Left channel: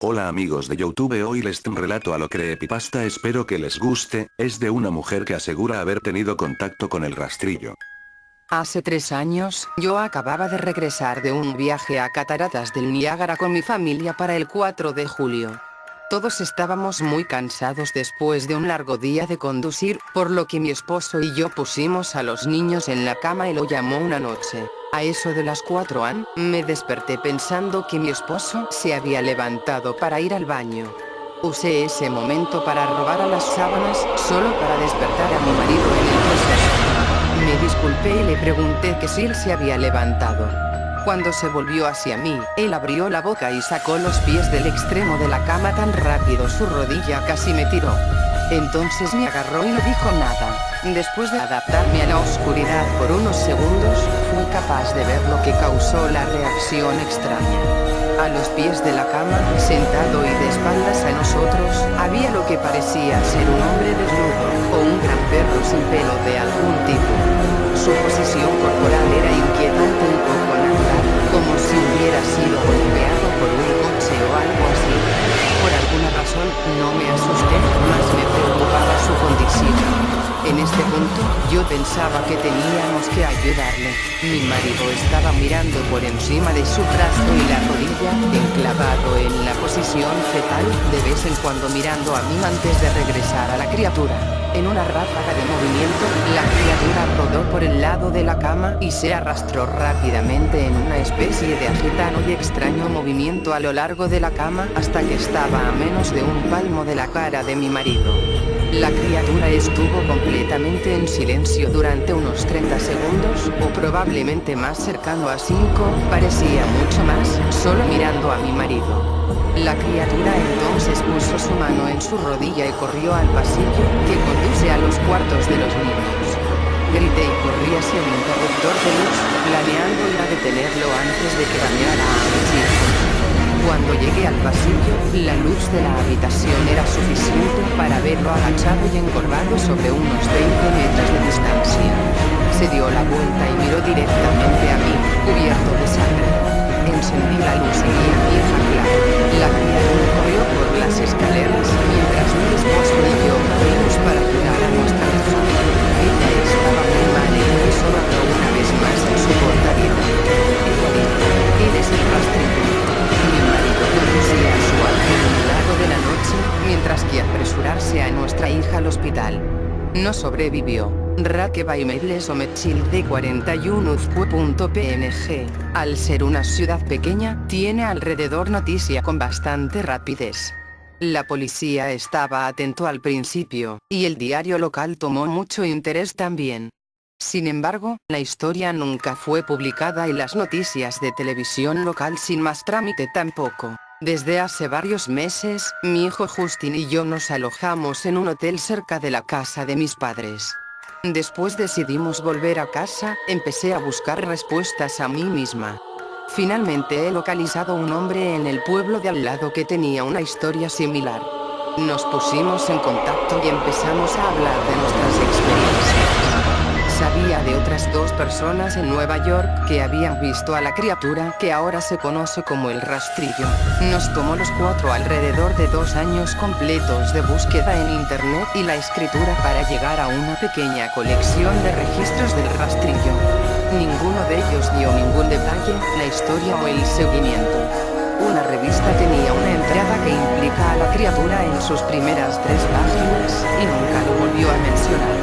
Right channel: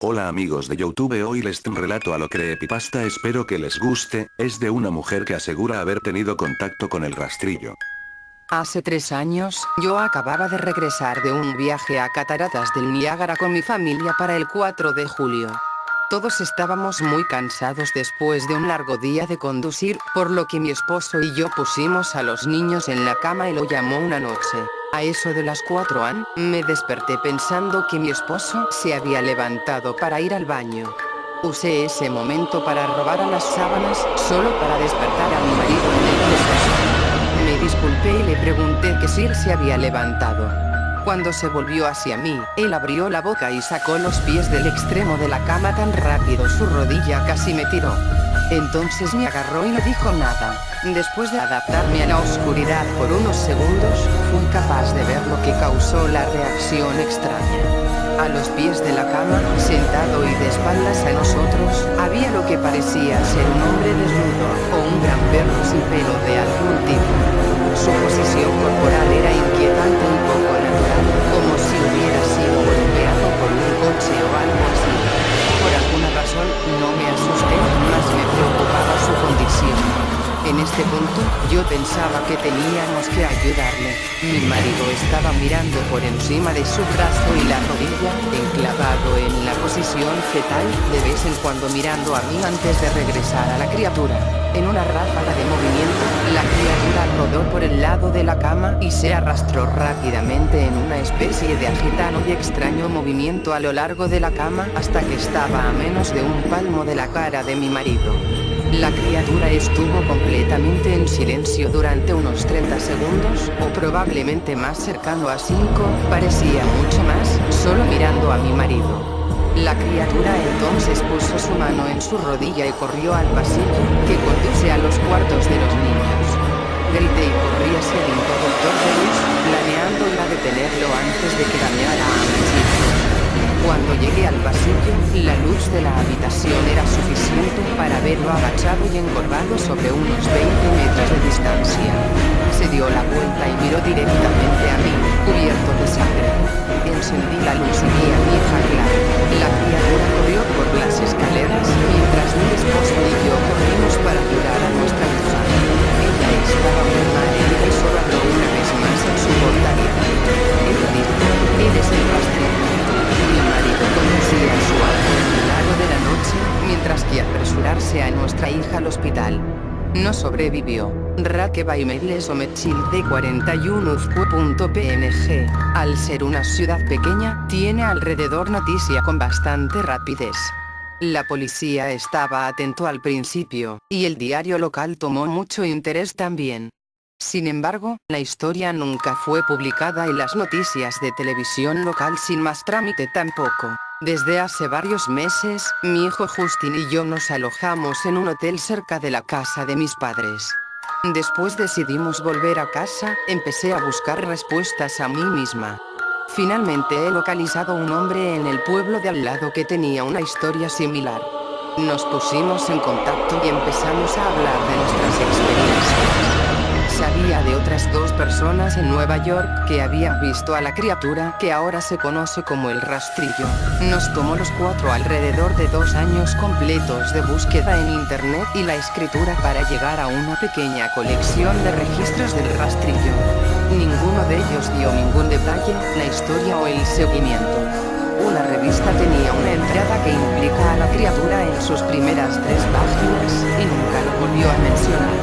Hola amigos de YouTube, hoy les relato a lo creepypasta, espero que les guste. Es de una mujer que asegura haber tenido contacto con el rastrillo. Hace 3 años, yo acababa de regresar de un viaje a Cataratas del Niágara con mi familia para el 4 de julio. Todos estábamos muy cansados después de un largo día de conducir, por lo que mi esposo y yo pusimos a los niños en la cama y lo llamó una noche. A eso de las 4 am, me desperté pensando que mi esposo se había levantado para ir al baño. Usé ese momento para robar a las sábanas, solo para despertar a mi marido en el proceso. Me disculpé y le pregunté que si él se había levantado. Cuando se volvió hacia mí, él abrió la boca y sacó los pies del extremo de la cama tan rápido su rodilla casi me tiró. Entonces me agarró y no dijo nada. Después de adaptarme a la oscuridad por unos segundos, fui capaz de ver lo que causó la reacción extraña. A los pies de la cama, sentado y de espaldas a nosotros, había lo que parecía ser un hombre desnudo, o un gran perro sin pelo de algún tipo. Su posición corporal era inquietante y poco natural, como si hubiera sido golpeado por un coche o algo así. Por alguna razón, no me asusté, más me preocupaba su condición. En este punto, yo pensaba que teníamos que ayudarle. Mi marido estaba mirando por encima de su brazo y la rodilla, enclavado en la posición fetal, de vez en cuando mirando a mí antes de regresar a la criatura. En una ráfaga de movimiento, la criatura rodó por el lado de la cama y se arrastró rápidamente en una especie de agitado y extraño movimiento a lo largo de la cama hasta que estaba a menos de un palmo de la cara de mi marido. La criatura estuvo completamente en silencio durante unos 30 segundos, o probablemente más cercano a 5, parecía mucho más, solo mirando a mi marido. La criatura entonces puso su mano en su rodilla y corrió al pasillo, que conduce a los cuartos de los niños. Grité y corrí hacia el interruptor de luz, planeando ir a detenerlo antes de que dañara a mis hijos. Cuando llegué al pasillo, la luz de la habitación era suficiente para verlo agachado y encorvado sobre unos 20 metros de distancia. Se dio la vuelta y miró directamente a mí, cubierto de sangre. Encendí la luz y vi a mi hija claro. La criatura corrió por las escaleras, mientras mi esposo y yo corrimos para ayudar a nuestra hija. Ella estaba muy mal herida y solo habló una vez más en su corta vida. Ella dijo: "Eres el rastrillo". Mi marido conducía a su auto en el lago de la noche, mientras que apresurarse a nuestra hija al hospital. No sobrevivió. Raquebaimeiles Omechil de 41 Uzcu.png. Al ser una ciudad pequeña, tiene alrededor noticia con bastante rapidez. La policía estaba atento al principio, y el diario local tomó mucho interés también. Sin embargo, la historia nunca fue publicada y las noticias de televisión local sin más trámite tampoco. Desde hace varios meses, mi hijo Justin y yo nos alojamos en un hotel cerca de la casa de mis padres. Después decidimos volver a casa, empecé a buscar respuestas a mí misma. Finalmente he localizado un hombre en el pueblo de al lado que tenía una historia similar. Nos pusimos en contacto y empezamos a hablar de nuestras experiencias. Sabía de otras 2 personas en Nueva York que habían visto a la criatura que ahora se conoce como el rastrillo. Nos tomó los 4 alrededor de 2 años completos de búsqueda en internet y la escritura para llegar a una pequeña colección de registros del rastrillo. Ninguno de ellos dio ningún detalle, la historia o el seguimiento. Una revista tenía una entrada que implica a la criatura en sus primeras 3 páginas, y nunca lo volvió a mencionar.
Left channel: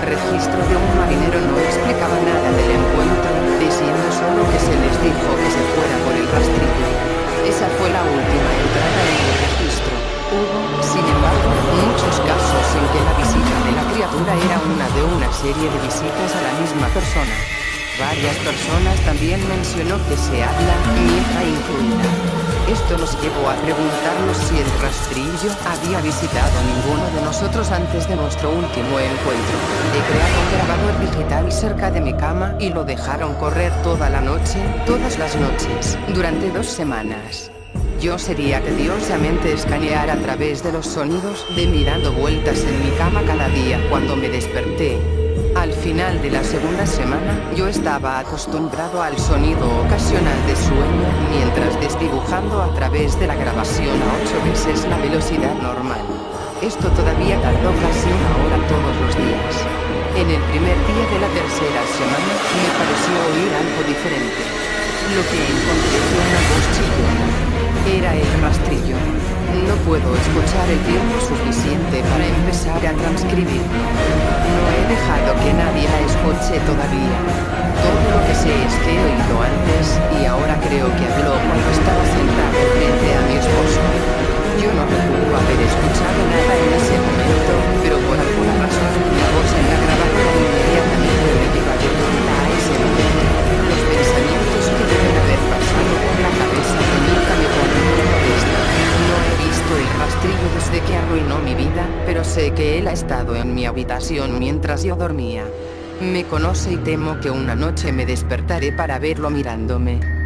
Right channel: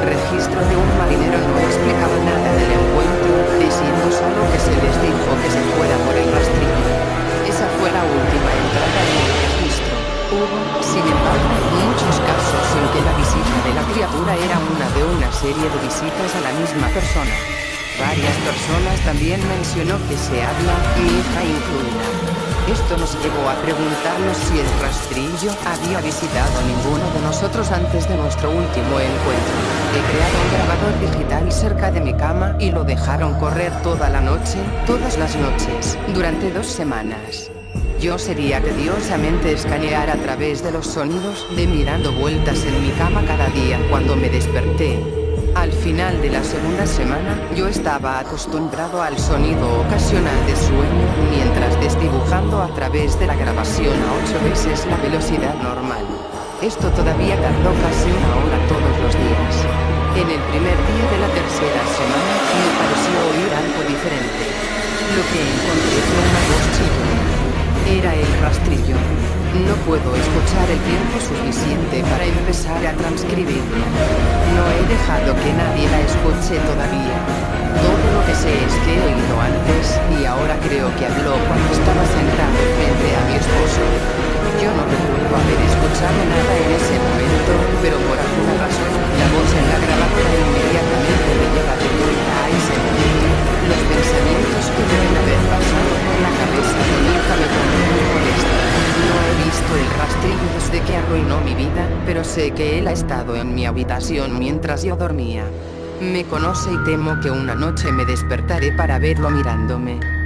Registro de un marinero no explicaba nada del encuentro, diciendo solo que se les dijo que se fuera por el rastrillo. Esa fue la última entrada en el registro. Hubo, sin embargo, muchos casos en que la visita de la criatura era una de una serie de visitas a la misma persona. Varias personas también mencionó que se habla, mi hija incluida. Esto nos llevó a preguntarnos si el rastrillo había visitado ninguno de nosotros antes de nuestro último encuentro. He creado un grabador digital cerca de mi cama y lo dejaron correr toda la noche, todas las noches, durante 2 semanas. Yo sería tediosamente escanear a través de los sonidos de mí dando vueltas en mi cama cada día cuando me desperté. Al final de la segunda semana, yo estaba acostumbrado al sonido ocasional de sueño mientras desdibujando a través de la grabación a 8 veces la velocidad normal. Esto todavía tardó casi una hora todos los días. En el primer día de la tercera semana, me pareció oír algo diferente. Lo que encontré fue una voz chillona. Era el rastrillo. No puedo escuchar el tiempo suficiente para empezar a transcribirlo. No he dejado que nadie la escuche todavía. Todo lo que sé es que he oído antes, y ahora creo que habló cuando estaba sentado frente a mi esposo. Yo no recuerdo haber escuchado nada en ese momento, pero por alguna razón, la voz en la grabadora inmediatamente me lleva de vuelta a ese momento. Los pensamientos que deben haber pasado por la cabeza de mi hija me ponen muy molesta. No he visto el rastrillo desde que arruinó mi vida, pero sé que él ha estado en mi habitación mientras yo dormía. Me conoce y temo que una noche me despertaré para verlo mirándome.